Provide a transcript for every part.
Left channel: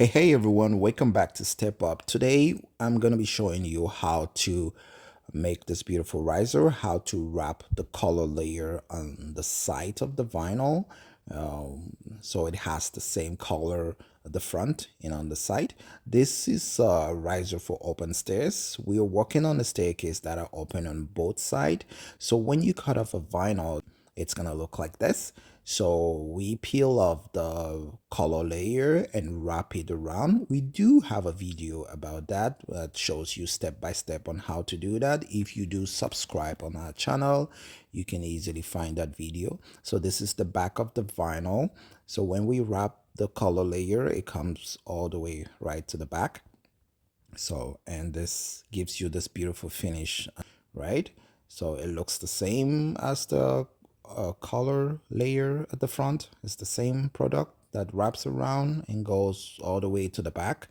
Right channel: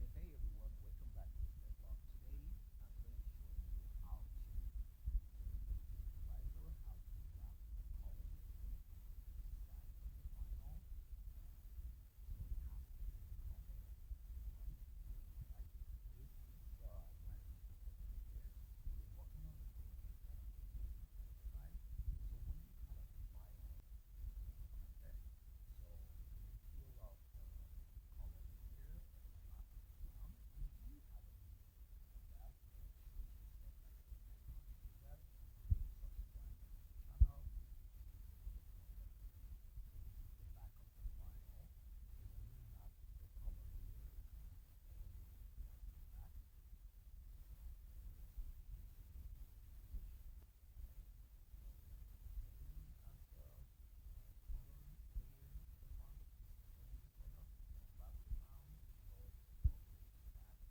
Hey everyone, welcome back to Step Up. Today I'm going to be showing you how to make this beautiful riser, how to wrap the color layer on the side of the vinyl so it has the same color at the front and on the side. This is a riser for open stairs. We are working on a staircase that are open on both sides. So when you cut off a vinyl, it's going to look like this. So we peel off the color layer and wrap it around. We do have a video about that that shows you step by step on how to do that. If you do subscribe on our channel, you can easily find that video. So this is the back of the vinyl. So when we wrap the color layer, it comes all the way right to the back. So, and this gives you this beautiful finish, right? So it looks the same as the color layer at the front. It's the same product that wraps around and goes all the way to the back.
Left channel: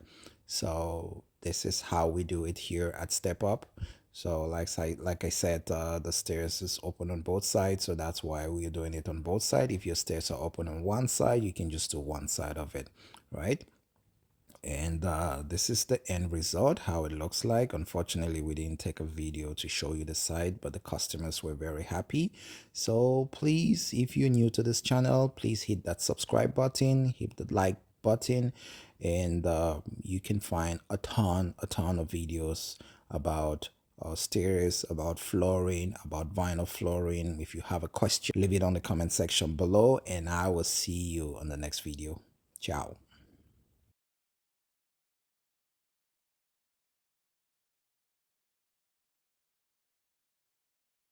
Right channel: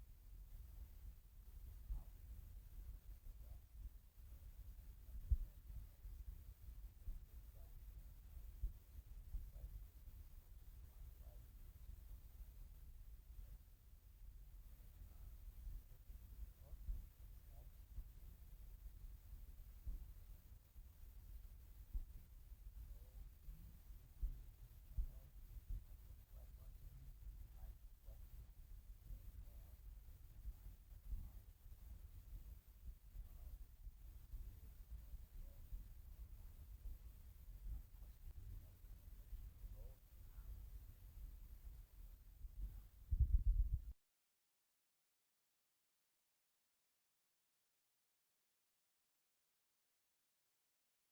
So this is how we do it here at Step Up. So like I said, the stairs is open on both sides, so that's why we're doing it on both sides. If your stairs are open on one side, you can just do one side of it, right? And this is the end result, how it looks like. Unfortunately, we didn't take a video to show you the side, but the customers were very happy. So please, if you're new to this channel, please hit that subscribe button, hit the like button, and you can find a ton of videos about stairs, about flooring, about vinyl flooring. If you have a question, leave it on the comment section below, and I will see you on the next video. Ciao.